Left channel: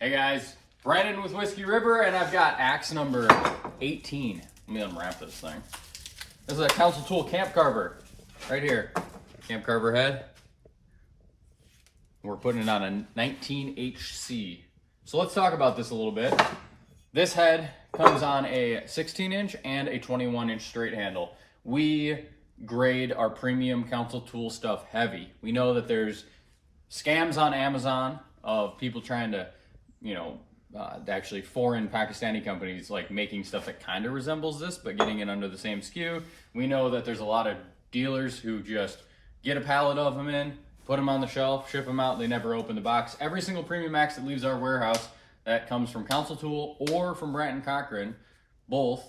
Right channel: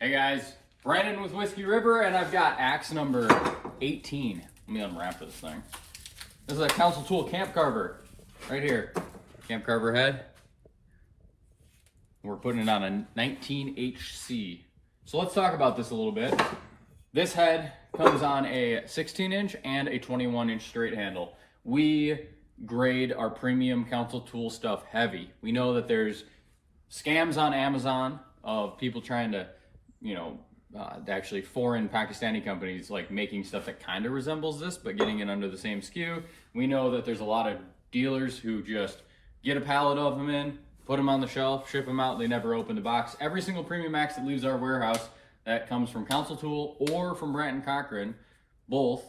Hey guys, Brandon with Whiskey River, and I've got axe number 18. Let me unwrap this thing. This is a council tool camp carver, right here. Camp carver head. We're putting it on a 19HC. So let's talk about this a little bit. This head comes on a 16-inch and a 21-inch straight handle. We grade our premium council tool stuff heavy. We know that there's scams on Amazon of people trying to, actually foreign Pakistani companies like making stuff that kind of resembles this, but getting it under the same SKU. We know that there's a lot of dealers who just get a pallet of them in, put them on the shelf, ship them out, they never open the box. Every single premium axe that leaves our warehouse that comes from Council Tool or from Branton Cochran, both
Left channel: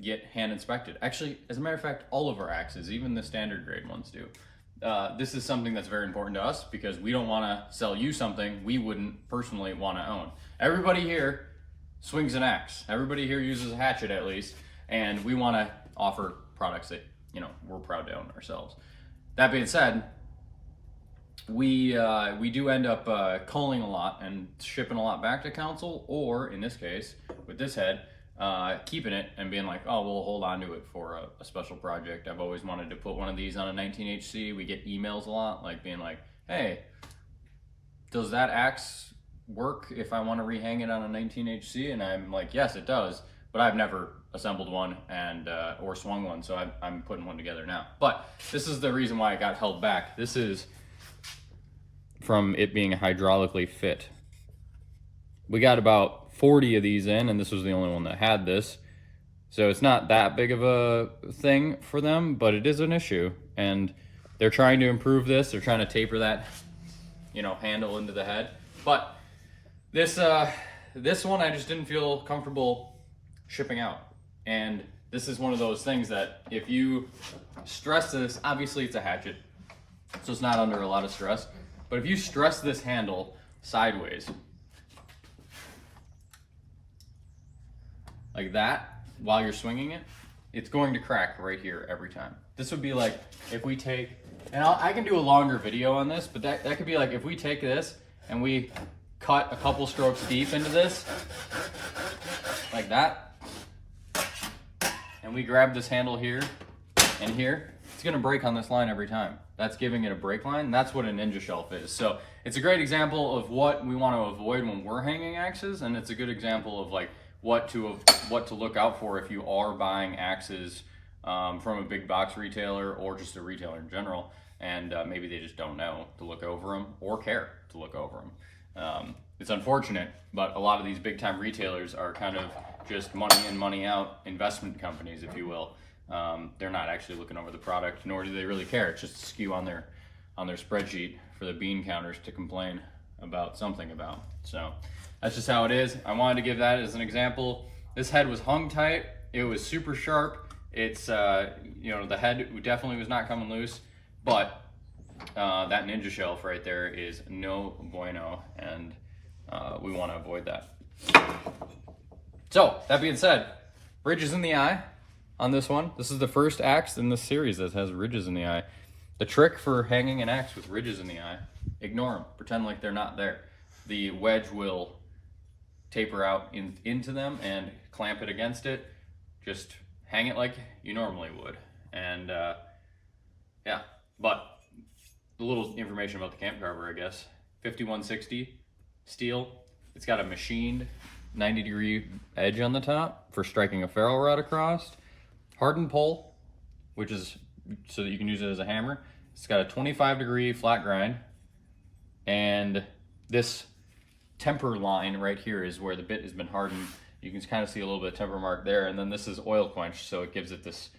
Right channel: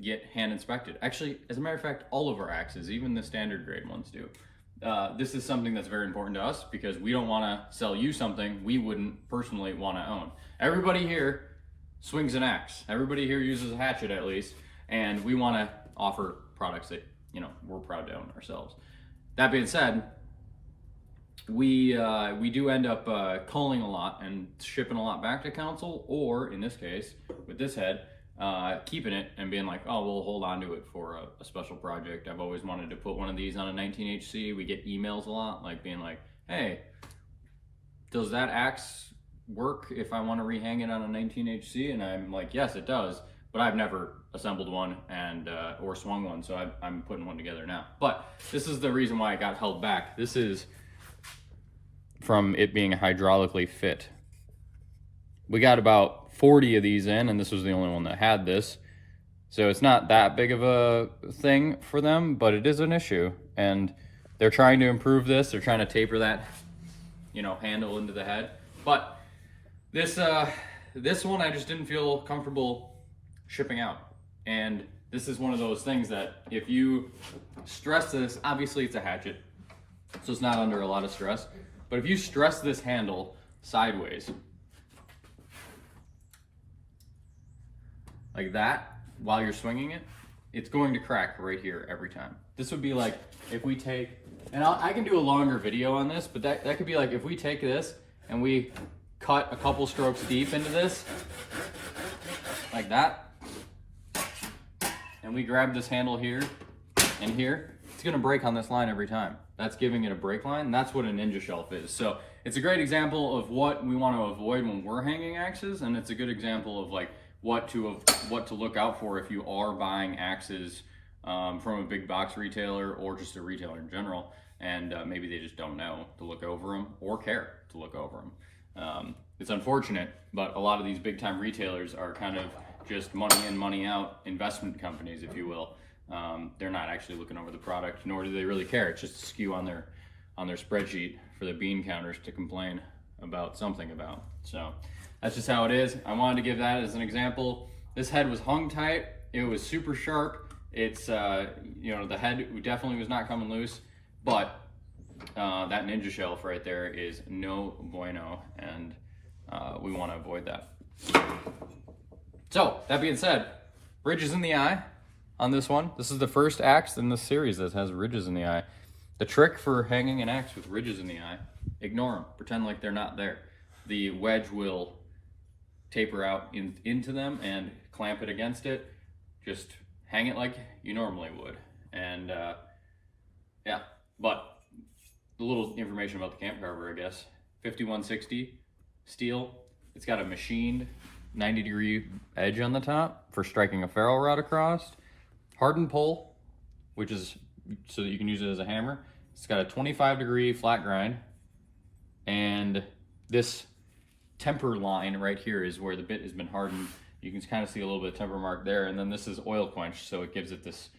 get hand inspected. Actually, as a matter of fact, all of our axes, even the standard grade ones do. This is something that's very important to us because we don't want to sell you something we wouldn't personally want to own. Everybody here swings an axe. Everybody here uses a hatchet at least, and we want to offer products that, we're proud to own ourselves. That being said, we do end up culling a lot and shipping a lot back to council, or in this case, with this head, keeping it and being like, oh, we'll hold on to it for a special project. I've always wanted to put one of these on a 19HC. We get emails a lot, like being like, hey, does that axe work if I want to rehang it on a 19HC? And I'm like, yes, it does, but I've never assembled one and or swung one, so I'm putting one together now. But this is the reason why it got held back. This is from it being hydraulically fit. We got about 40 of these in, and this was the only one that had this. So it's not that big of a thing for them, but it is an issue. And they're trying to improve this. They're trying to taper that, handle into the head. But this one I just didn't feel comfortable shipping out. And this is one of those things that if you stress this, obviously it's a hatchet, so it's not under a lot of stress. But if you stress this handle sideways, like that, while you're swinging it, it's going to crack right here every time. This would be like if we take, and I can do a longer video on this, but that could be like if we take this and we cut a couple strokes deep into this, like that, and we grab this handle here and here, it's gonna break on this line every time. That's giving it a break line. That's what a ninja shelf is. So it's a great example of what we want to avoid when we're hanging axes, and it's a good example of like what to look out for if you are buying axes from a big box retailer or just a retailer in general, and maybe they just don't know to look over them or care to look over them. It's unfortunate, but a lot of these big time retailers are kind of just money in, money out investment companies, if you will. They're not actually looking over the product, nor do they really care. It's just a skew on their spreadsheet for the bean counters to complain about something about. So that's just how it is. I wanted to give that as an example. This head was hung tight. It was super sharp. It's, the head definitely was not coming loose, but that ninja shelf right there is no bueno, and we want to avoid that. So that being said, ridges in the eye on this one. This is the first axe in this series that has ridges in the eye. The trick for hanging an axe with ridges in the eye, ignore them, pretend like they're not there. The wedge will taper out into them and clamp it against it. Just hang it like you normally would. And yeah, but a little information about the camp carver, I guess. 5160 steel. It's got a machined 90-degree edge on the top for striking a ferrule rod across. Hardened pole, which is so that you can use it as a hammer. It's got a 25-degree flat grind, and this temper line right here is where the bit has been hardened. You can kind of see a little bit of temper mark there, and then this is oil quenched, so it gives it this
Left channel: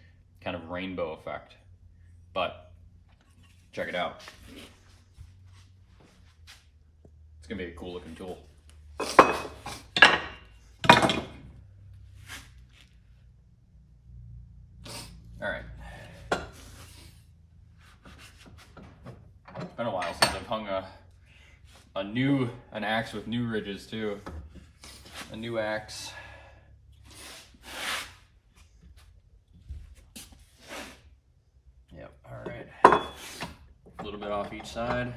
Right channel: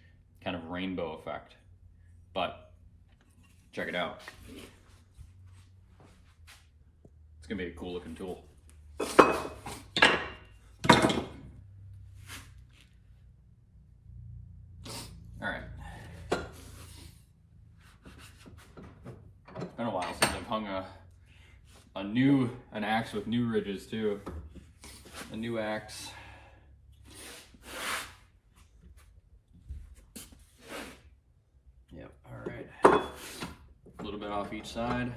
kind of rainbow effect. But check it out. It's gonna be a cool looking tool. All right. It's been a while since I've hung an axe with new ridges too. A new axe. Yep. All right. A little bit off each side.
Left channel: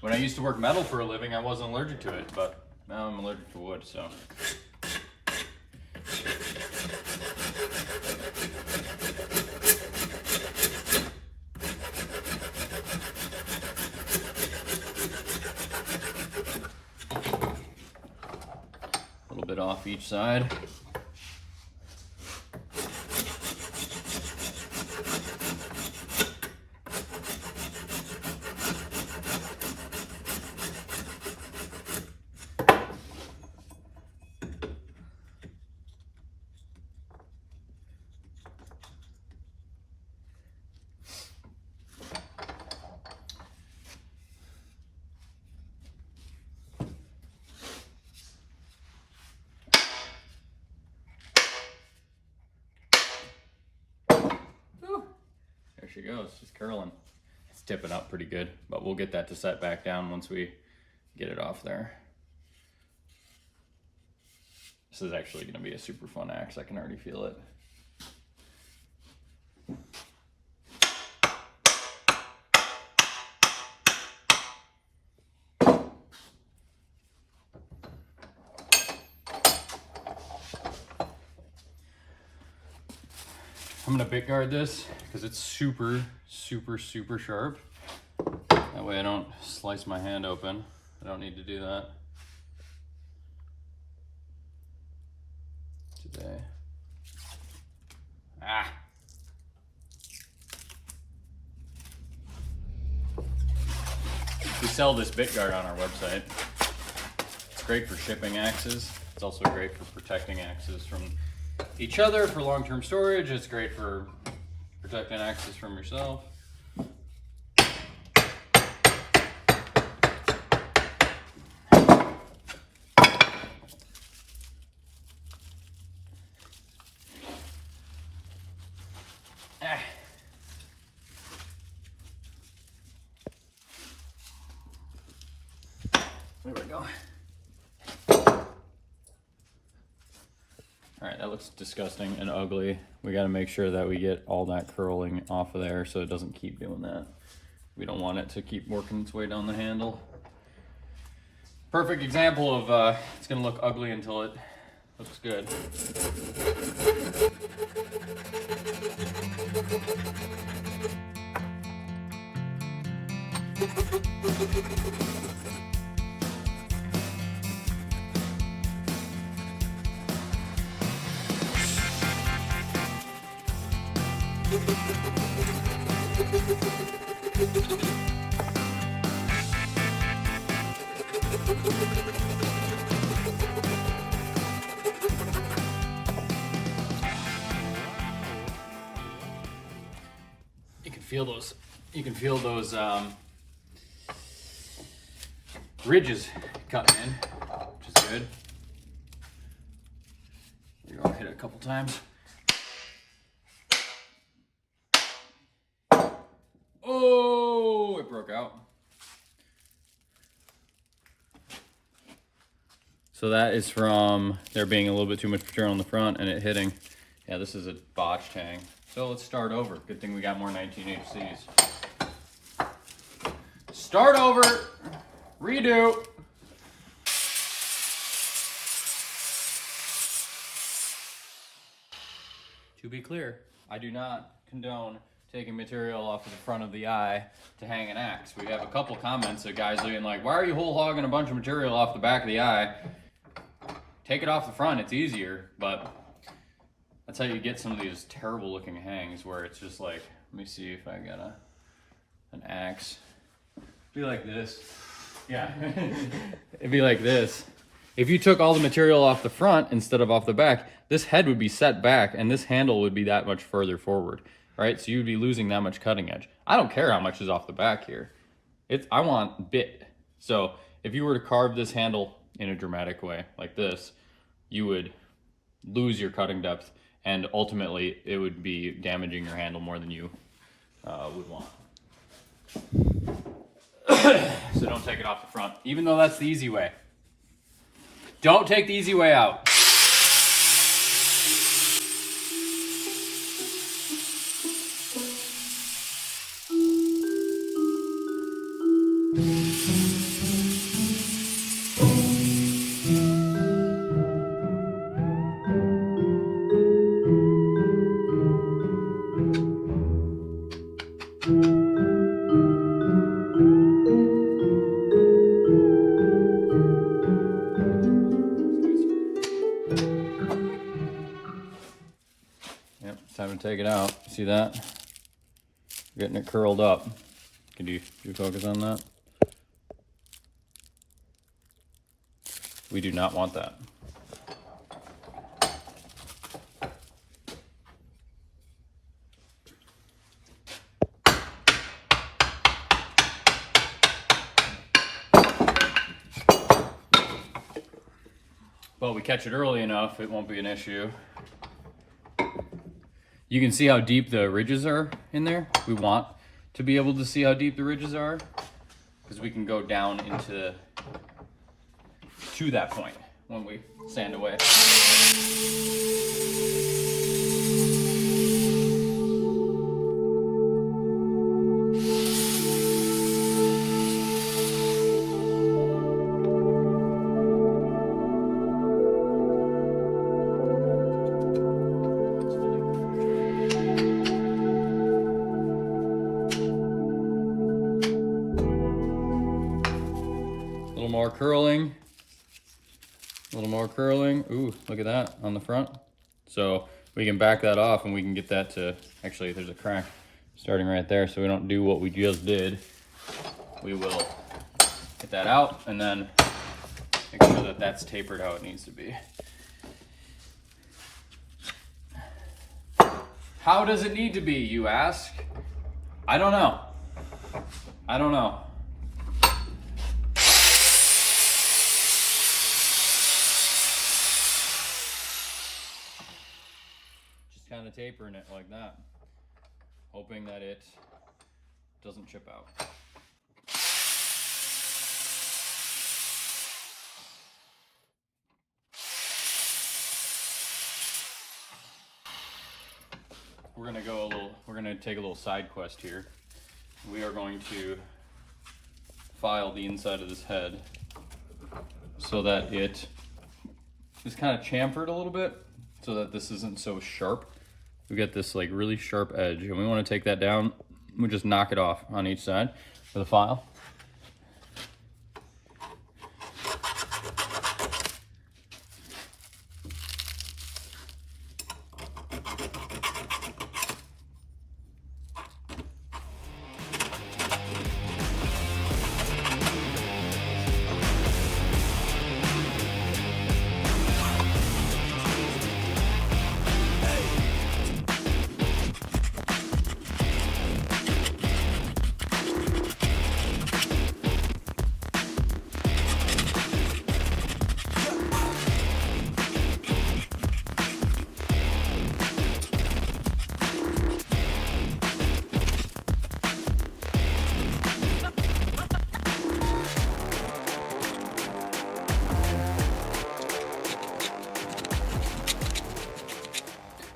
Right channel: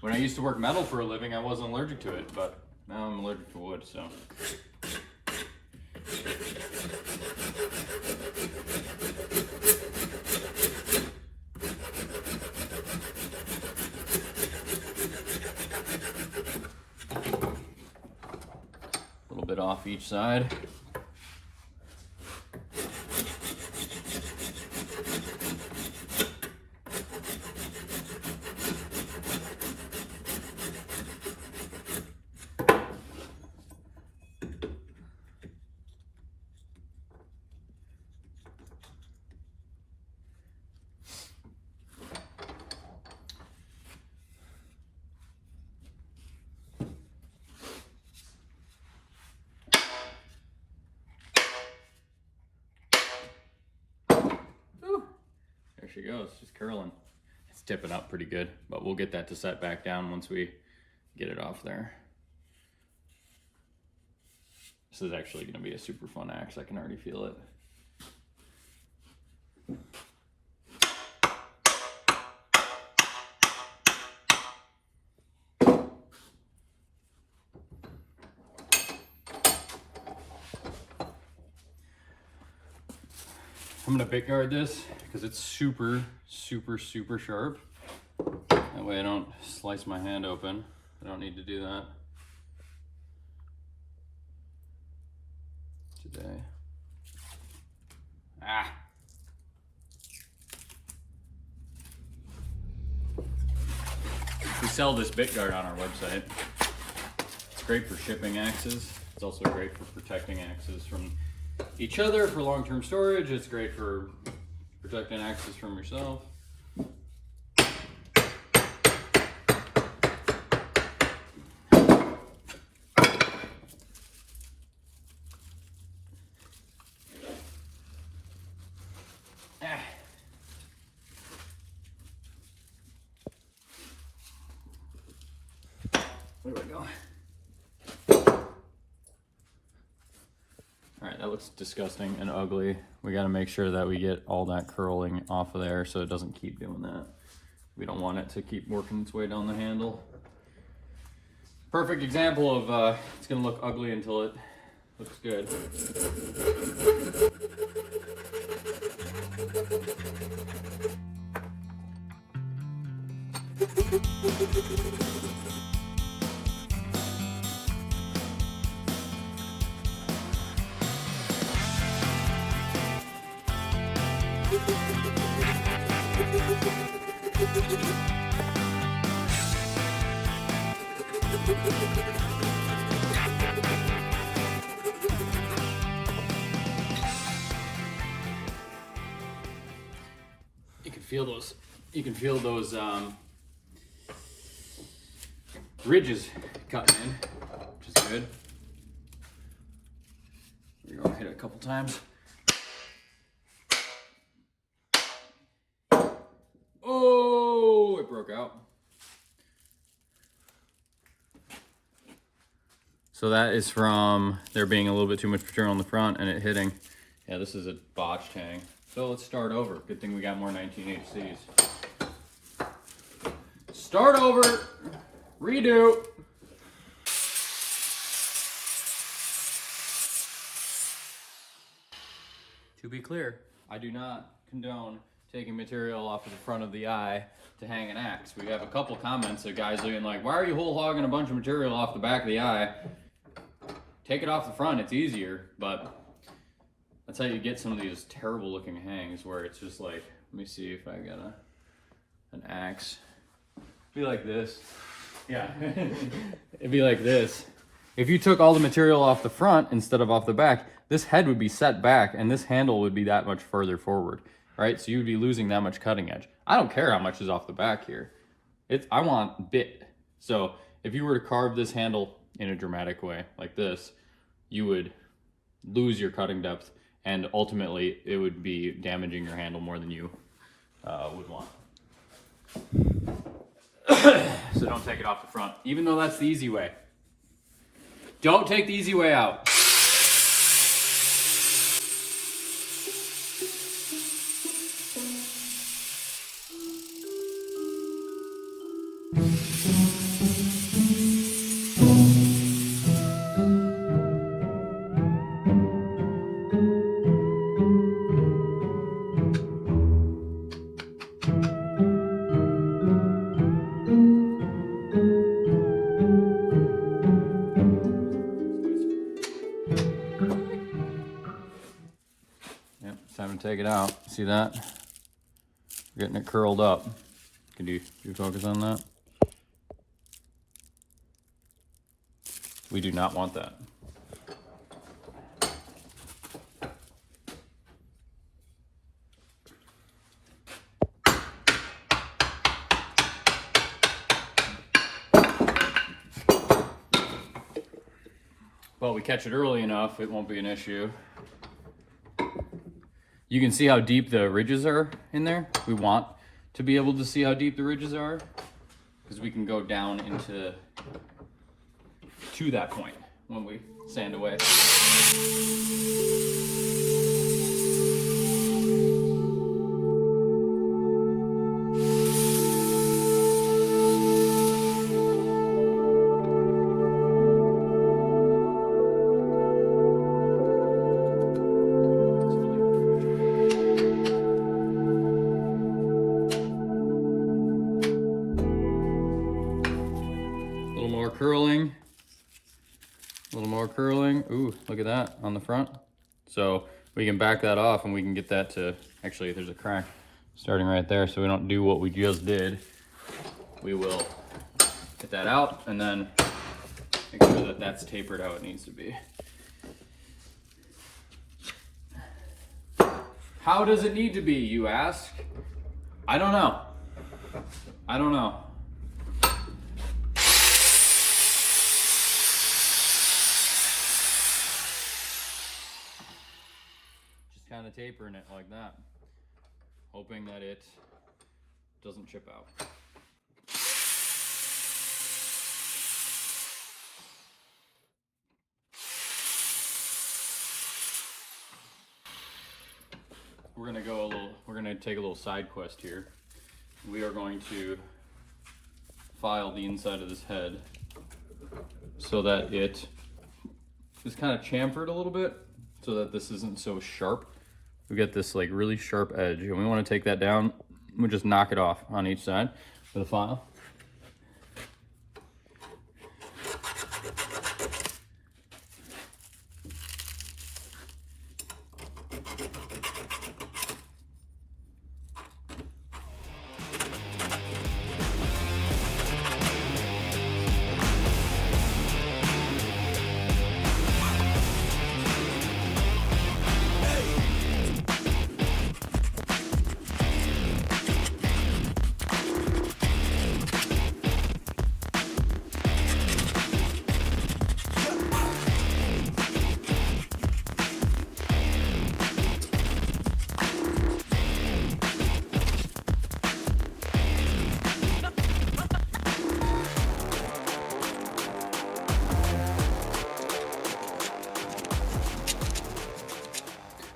When I used to work metal for a living, I wasn't allergic to it, but now I'm allergic to wood, so. A little bit off each side. There she goes, just curling. It's tipping up pretty good, but we'll get that to set back down once we get it off there. This is actually going to be a super fun axe. I can already feel it. I'm gonna bit guard this because it's super sharp. That way I don't slice my hand open. I don't need to do that today. We sell this bit guard on our website. It's great for shipping axes. It's also great for protecting axes from each other for long-term storage. It's great for protecting axes from yourself. There we go. All right, that looks disgusting and ugly. We got to make sure that we get all that curling off of there so it doesn't keep doing that. We don't want it to keep working its way down the handle. Perfect example of it's gonna look ugly until it looks good. You can feel those ridges cutting in, which is good. You're gonna hit it a couple times. Oh, it broke out. So that is from there being a little bit too much material on the front and it hitting. Yeah, this is a botched hang. So let's start over. Good thing we got more 19HCs. Start over, redo. To be clear, I do not condone taking material off of the front of the eye to hang an axe. We have a couple comments of guys being like, why are you whole hogging a bunch of material off the back of the eye? Take it off the front, it's easier, but that's how you get some of these terrible looking hangs where it's just like, let me see if I got an axe. Be like this. Yeah. It'd be like this. If you took all the material off the front instead of off the back, this head would be set back and this handle would be that much further forward, right? So you'd be losing that much cutting edge. I don't care how much is off the back here. I want bit. So if you were to carve this handle in a dramatic way like this, you would lose your cutting depth and ultimately it would be damaging your handle more than you would want. So don't take it off the front, even though that's the easy way. Don't take the easy way out. take it out. See that? Getting it curled up. Can you focus on that? We do not want that. But we catch it early enough, it won't be an issue. You can see how deep the ridges are in there. We want to be able to see how deep the ridges are because we can go down into to that point when we sand away. A little more curling. A little more curling. Ooh, look at that on the front. So we can back that off and we can get that to, actually there's a crack starting right there, so we don't do what we just did. We will get that out and then make sure that that's tapered how it needs to be. How does it need to be, you ask? I don't know. I don't know. Kind of tapering it like that, hoping that it doesn't chip out. We're gonna take a little side quest here. We are going to file the inside of this head so that it is kind of chamfered a little bit so that this isn't so sharp. We got this like really sharp edge and we want to take that down. We just knock it off on each side with a file.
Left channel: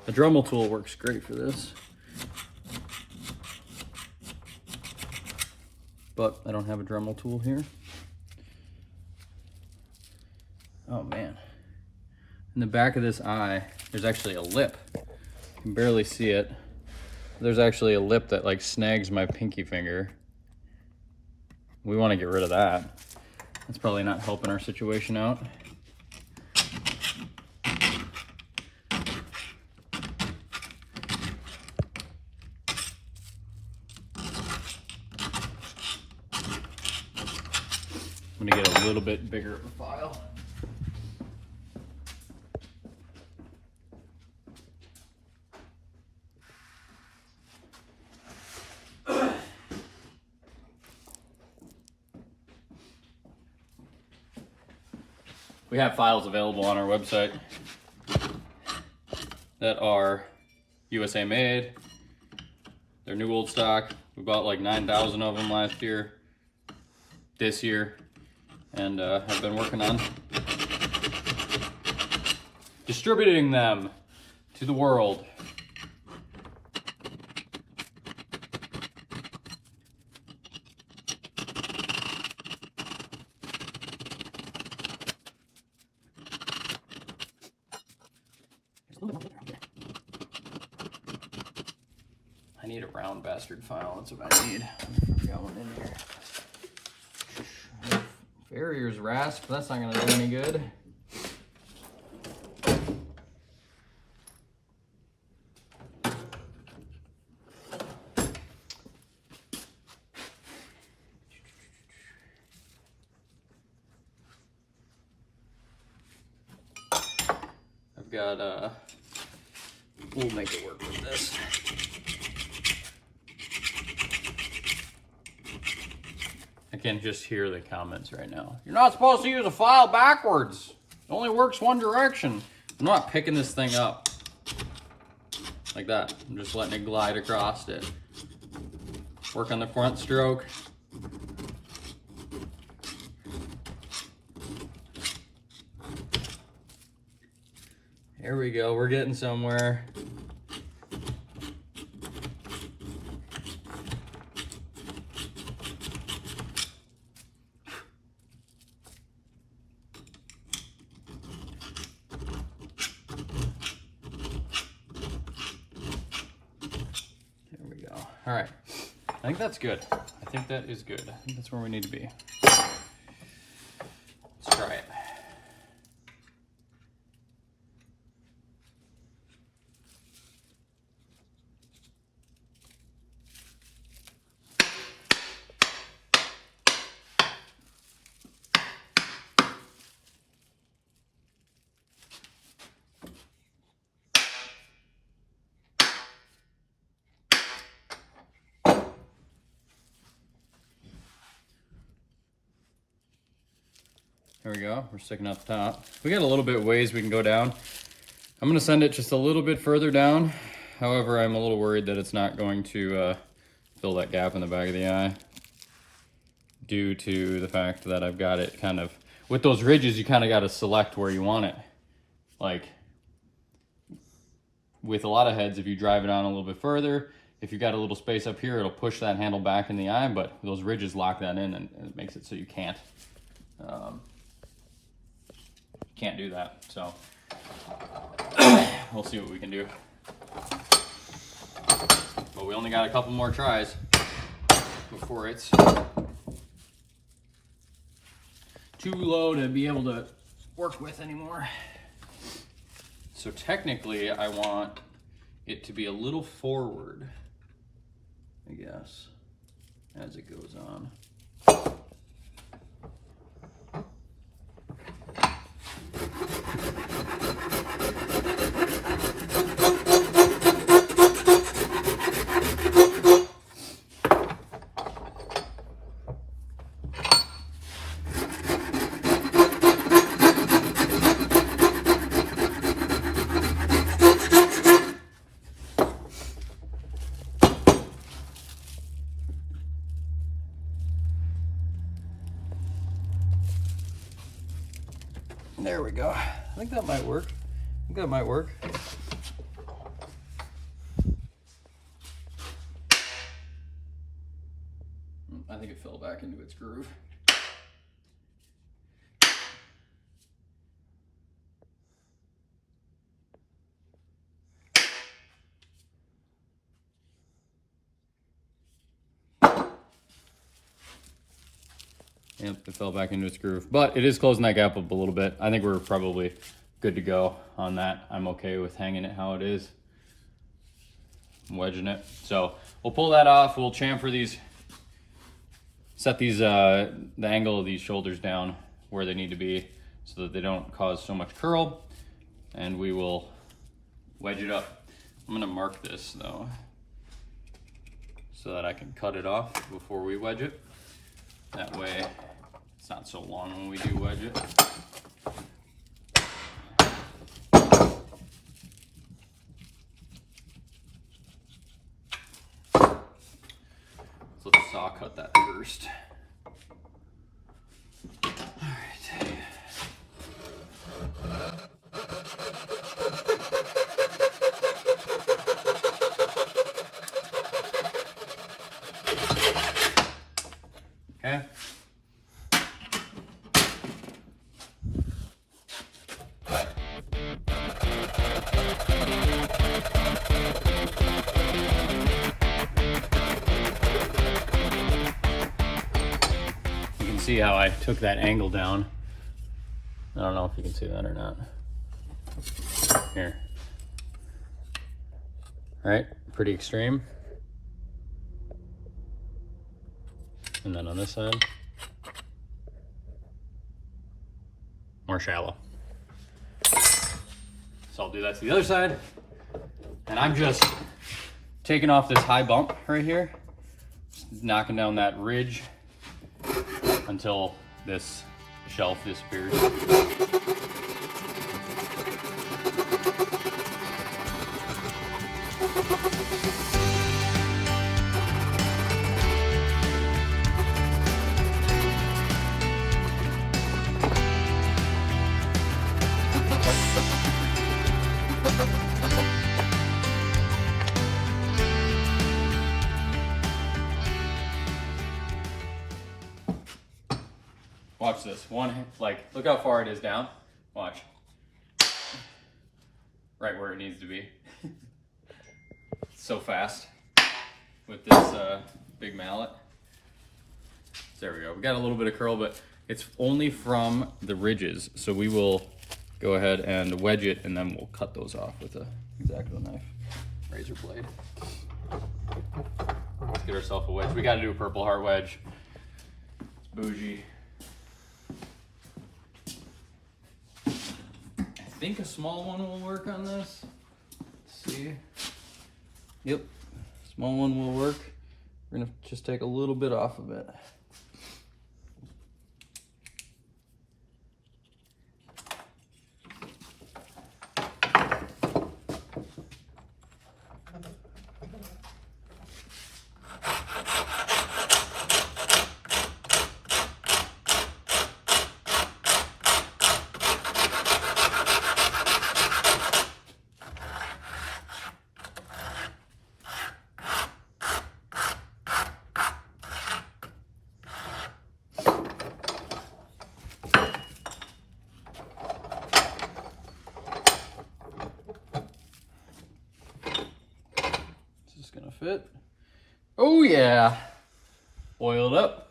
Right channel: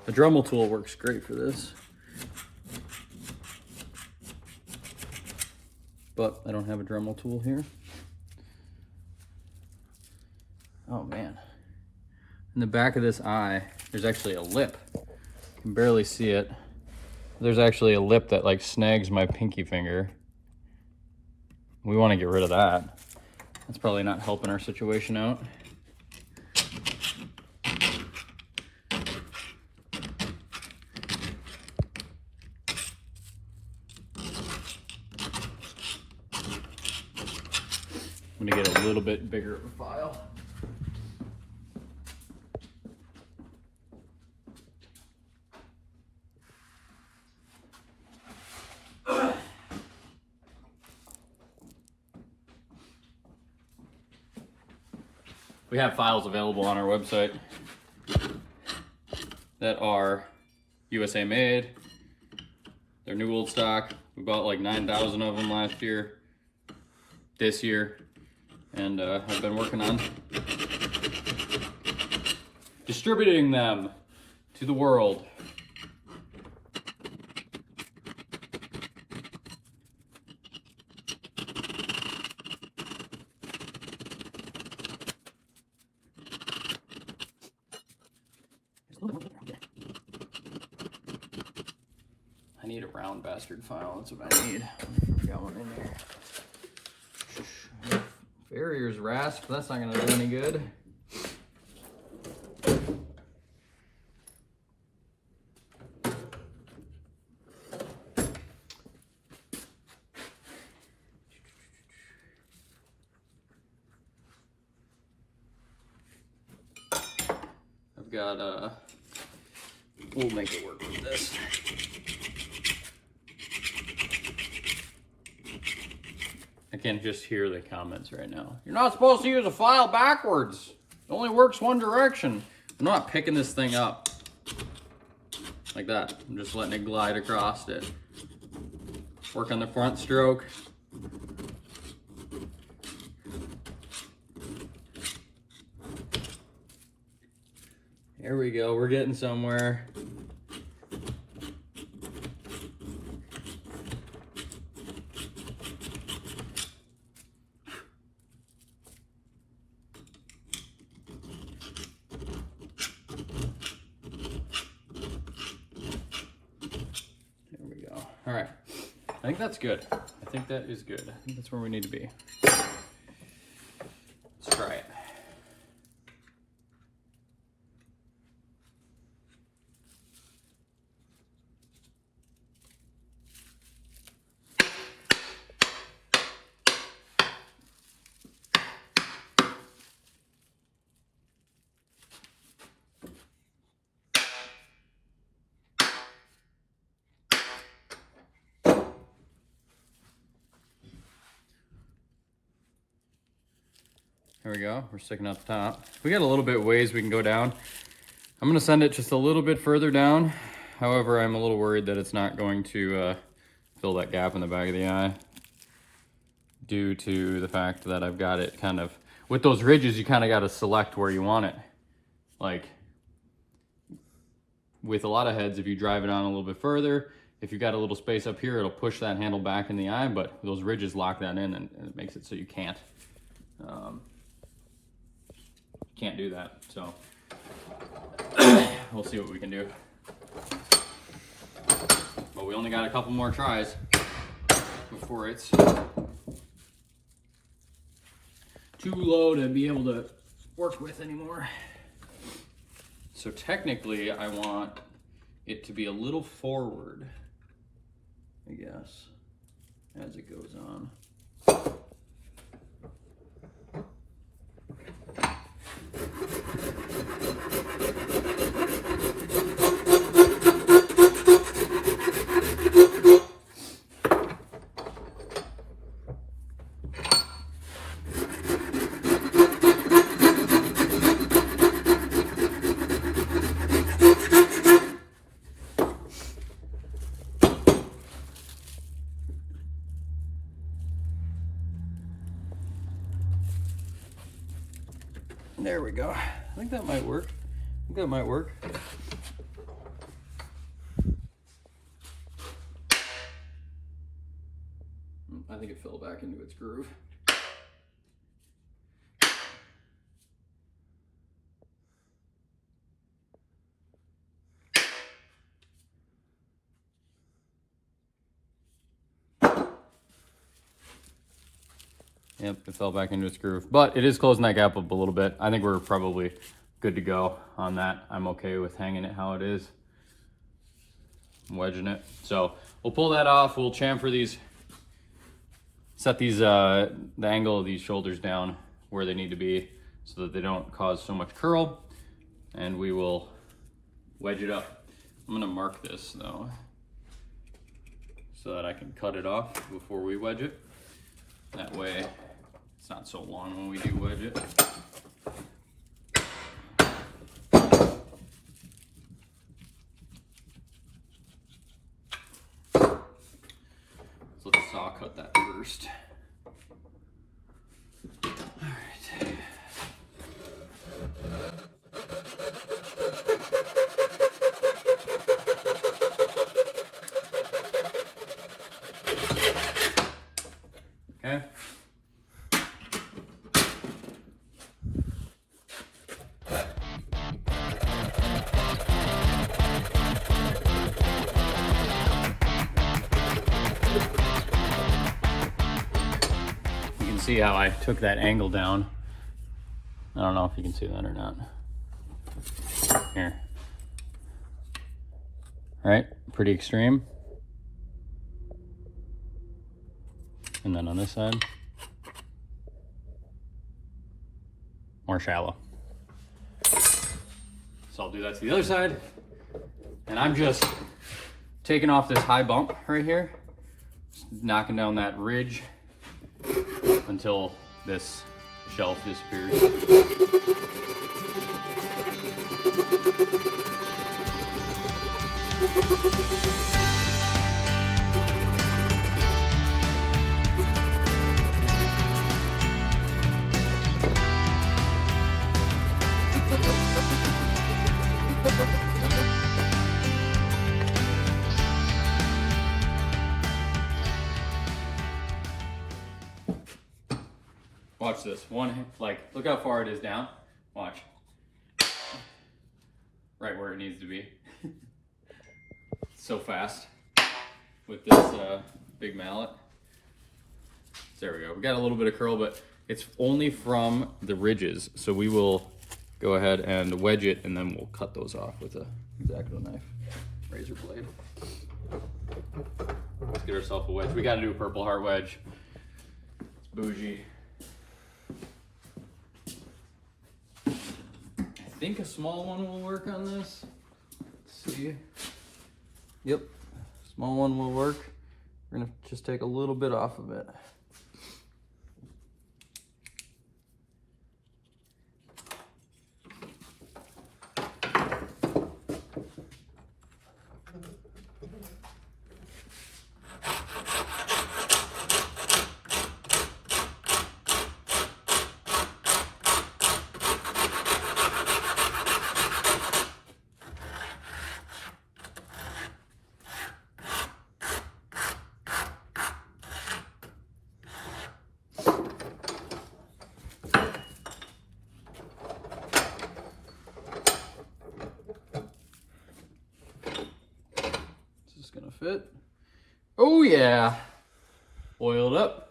A Dremel tool works great for this, but I don't have a Dremel tool here. Oh man. In the back of this eye, there's actually a lip. You can barely see it. There's actually a lip that like snags my pinky finger. We want to get rid of that. That's probably not helping our situation out. I'm gonna get a little bit bigger of a file. We have files available on our website that are USA made. They're new old stock. We bought like 9,000 of them last year, this year. And I've been working on distributing them to the world. I need a round bastard file, that's what I need. I've got one in here. Farrier's rasp, that's not gonna do any good. got, we'll make it work with this. I can just hear the comments right now. You're not supposed to use a file backwards. It only works one direction. I'm not picking this thing up like that. I'm just letting it glide across it. Work on the front stroke. There we go, we're getting somewhere. There we go. All right, I think that's good. I think that is good. I think that's where we need to be. Let's try it. There we go, we're sticking out the top. We got a little bit ways we can go down. I'm gonna send it just a little bit further down. However, I'm a little worried that it's not going to fill that gap in the back of the eye due to the fact that I've got it kind of, with those ridges, you kind of got to select where you want it. Like with a lot of heads, if you drive it on a little bit further, if you've got a little space up here, it'll push that handle back in the eye, but those ridges lock that in and it makes it so you can't do that. So we'll see what we can do. But we only got a couple more tries before it's too low to be able to work with anymore. So technically I want it to be a little forward, I guess, as it goes on. There we go. I think that might work. I think that might work. I think it fell back into its groove. Yep, it fell back into its groove, but it is closing that gap up a little bit. I think we're probably good to go on that. I'm okay with hanging it how it is. I'm wedging it. So we'll pull that off. We'll chamfer these, set these, the angle of these shoulders down where they need to be so that they don't cause so much curl, and we will wedge it up. I'm gonna mark this though, so that I can cut it off before we wedge it. That way it's not so long when we do wedge it. So let's saw cut that first. All right. Okay. You can see how I took that angle down. I don't know if you can see that or not. Here. Right? Pretty extreme. And then on this side, more shallow. So I'll do that to the other side. And I'm just taking off this high bump right here, knocking down that ridge until this shelf disappears. Watch this. Look how far it is down. Watch. Right where it needs to be. So fast with this big mallet. There we go. We got a little bit of curl, but it's only from the ridges. So we will go ahead and wedge it, and then we'll cut those off with a X-Acto knife, razor blade. Let's get ourselves a wedge. We got to do a Purple Heart wedge. It's bougie. I think a small one will work on this. Let's see. Yep, small one will work. We're gonna just take a little bit off of it. Gonna fit. Oh yeah, oiled up.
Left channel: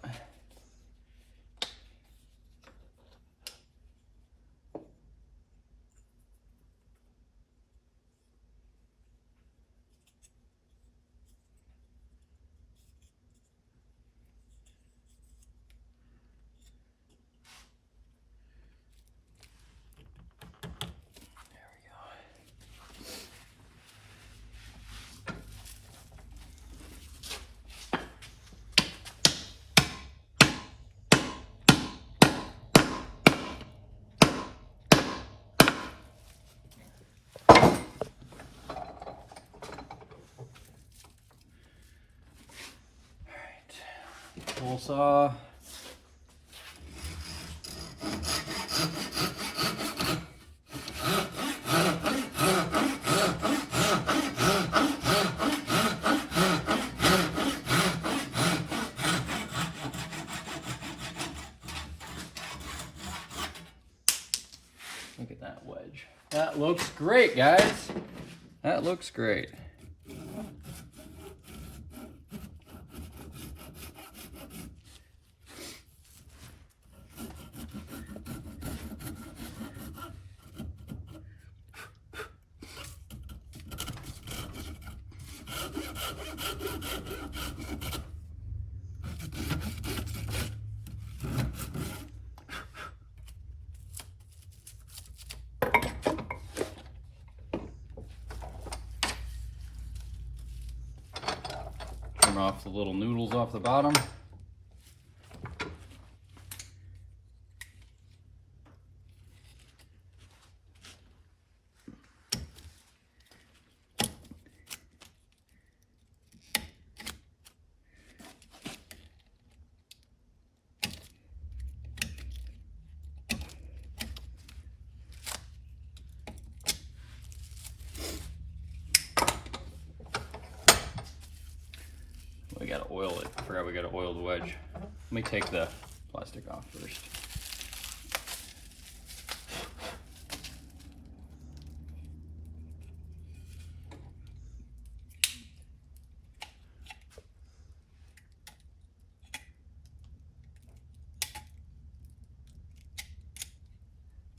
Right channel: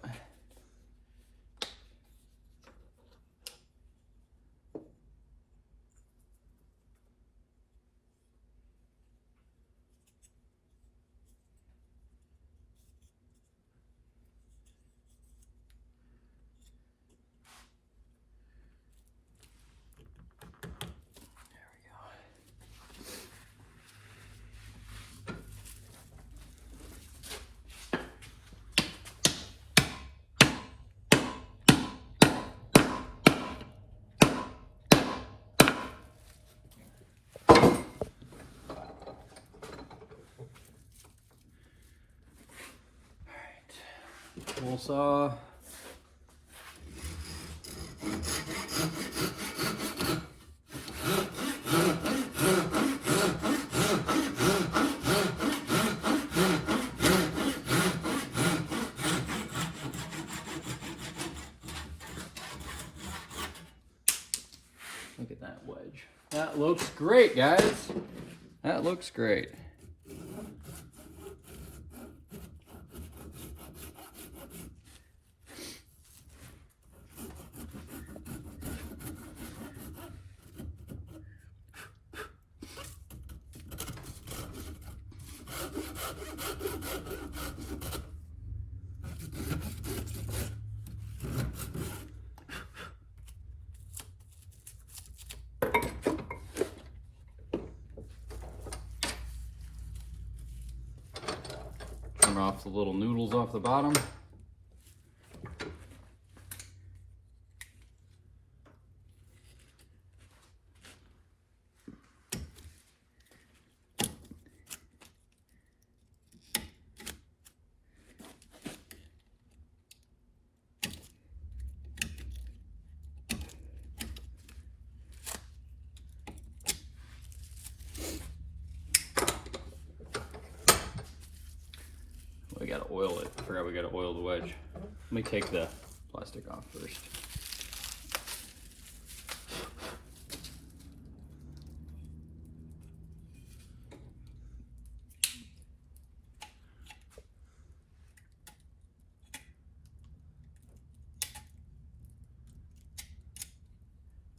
Tool saw. Look at that wedge. That looks great, guys. That looks great. Trim off the little noodles off the bottom. We gotta oil it. I forgot we gotta oil the wedge. Let me take the plastic off first.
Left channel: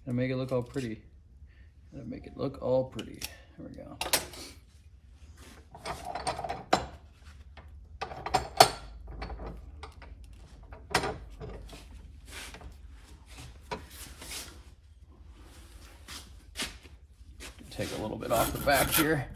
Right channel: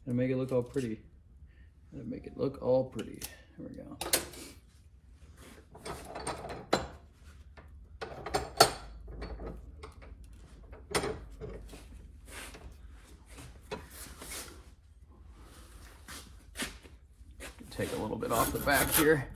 And make it look all pretty. Gotta make it look all pretty. There we go. take a little bit off the back here.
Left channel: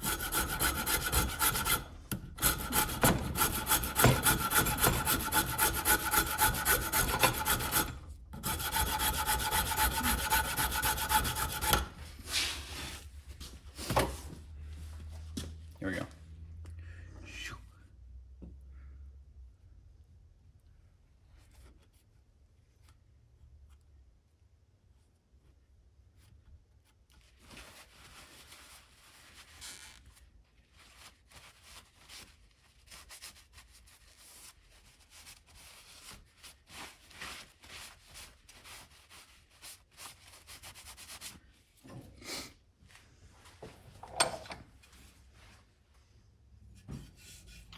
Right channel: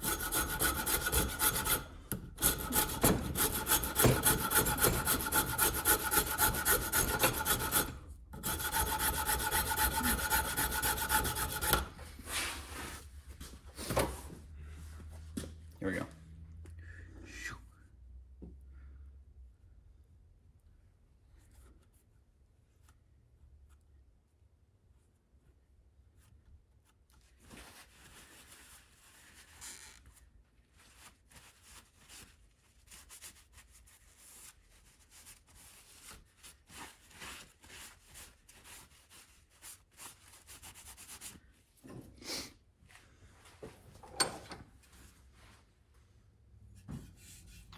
Here we go.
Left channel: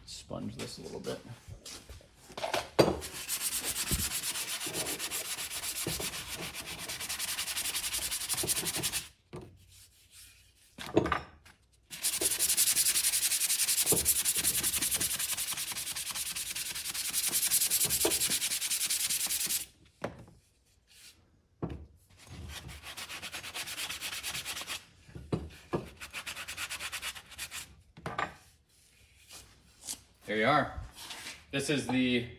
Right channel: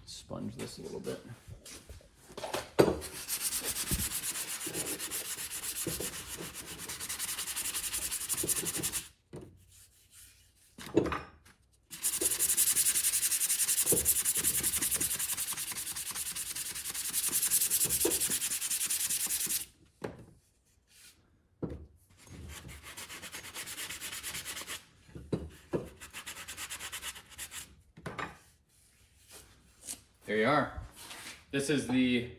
Sponge this a little bit. There you are. This is the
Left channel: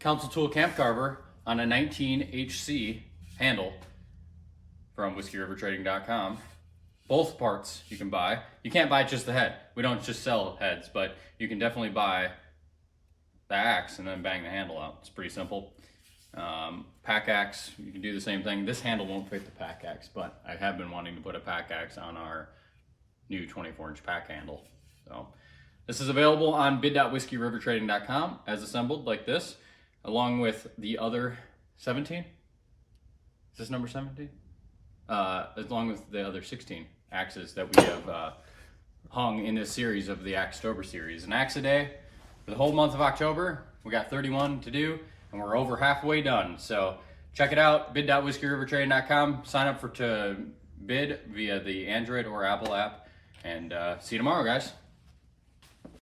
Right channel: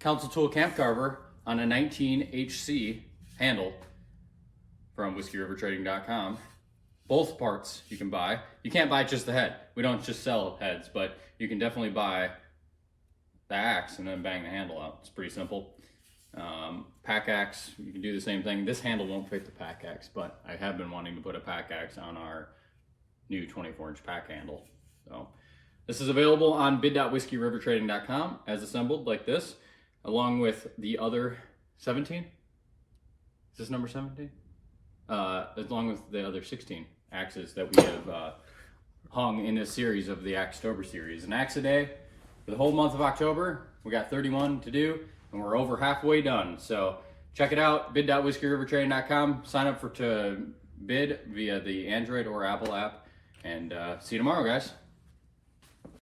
Council Tool Camp Carver on a 19HC handle from whiskeyrivertrading.com. Both parts you can buy. You can't buy just the head. We don't just sell heads, but you can definitely buy the axe and then bang the handle out. It's pretty simple. Pack axe, you can do the same thing. This handle won't fit the pack axe, but I have been wanting to put a pack axe on our new 24-inch pack handle. So this is available on bid.whiskeyrivertrading.com as assembled like this, along with the other 17. Is this number 17? Along with the other 16 axes that we have hung in this series of the Axetober series. An axe a day for the whole month of October. We got 31 to do, and we're over halfway done. So check it out, bid.whiskeyrivertrading.com. Sign up to bid via the Android or Apple app, and see you tomorrow, guys.